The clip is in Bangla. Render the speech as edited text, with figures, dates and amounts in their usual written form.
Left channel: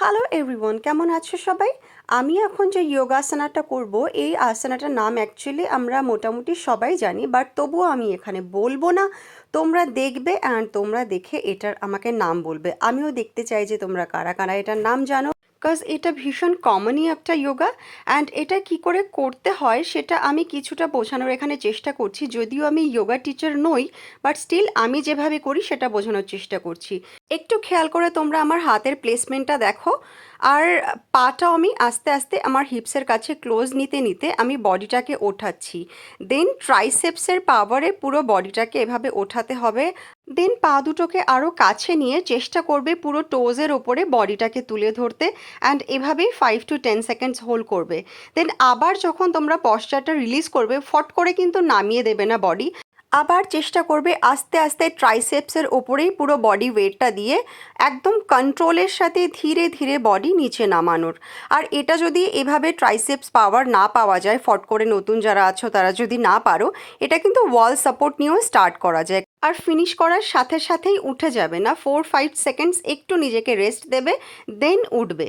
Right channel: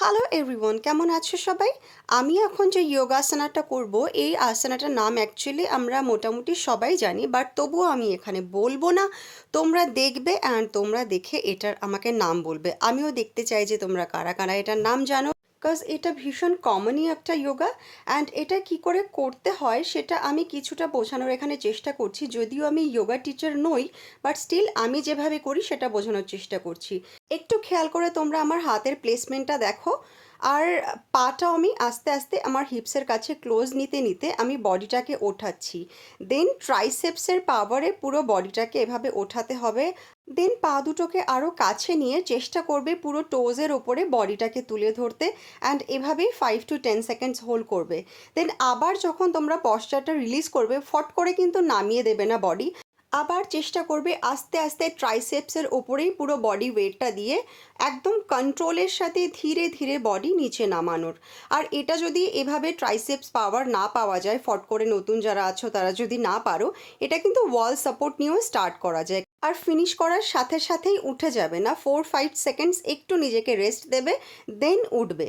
হ্যালো এভরিওয়ান, কেমন আছো সবাই? আমি এখন যে যোগাসনাটা করব, এই আসনাটার নাম অ্যাকচুয়ালি আমরা মোটামুটি সবাই জানি, বাট তবুও আমি এখানে বলবো না। তোমরা দেখবে অ্যান্ড তোমরা দেখে এটার আমাকে নাম বলবে। আমিও দেখতে চাই যে তোমরা কারা কারা এটার নাম জানো, বিকজ এটা ভীষণ কমনই একটা যোগা। অ্যান্ড এটা কি করে করতে হয় সেটা আমি কিছুটা বোঝানোর এখানে চেষ্টা করছি, যদিও আমি যোগা টিচার নই, বাট স্টিল আমি যেভাবে করি সেটা বোঝানোর চেষ্টা করছি। একটু খেয়াল করে তোমরা আমার হাতের প্লেসমেন্টটা দেখো। আর পাটাও আমি আস্তে আস্তে আমার হিপসের কাছে ক্লোজ নিতে নিতে আমি বডিটাকে ওঠাচ্ছি। দেন ট্রাইসেপসের পাওয়ারে পুরো বডিটাকে এভাবে ওঠাতে হবে। দেন পা দুটোকে আরও কাছে নিয়ে চেষ্টা করবে পুরো টোজের ওপরে বডিটাকে তুলে ধরতে, অ্যান্ড এভাবেই 5 to 10 সেকেন্ডস হোল্ড করবে। দেন আবার যখন তোমরা পশ্চারটা রিলিজ করবে, ফট করে কিন্তু নামিয়ে দেবে না বডি। আবার চেষ্টা করবে আস্তে আস্তে ট্রাইসেপসের ওপরেই পুরো বডি ওয়েটটা দিয়ে একদম কন্ট্রোলের সাথে ধীরে ধীরে বডি নিচে নামানোর। আর এটা যদি এভাবে ট্রাইসেপস পাওয়ার না পাওয়া যায়, ফট করে নতুন যারা আছো তারা যদি না পারো, এটা কিন্তু ওয়াল সাপোর্ট নিয়েও স্টার্ট করা যায়। আর ফিনিশ করার সাথে সাথেই উঠে যাবে না, 4-5 সেকেন্ডস একটু নিজেকে রেস্ট দেবে, দেন উঠবে।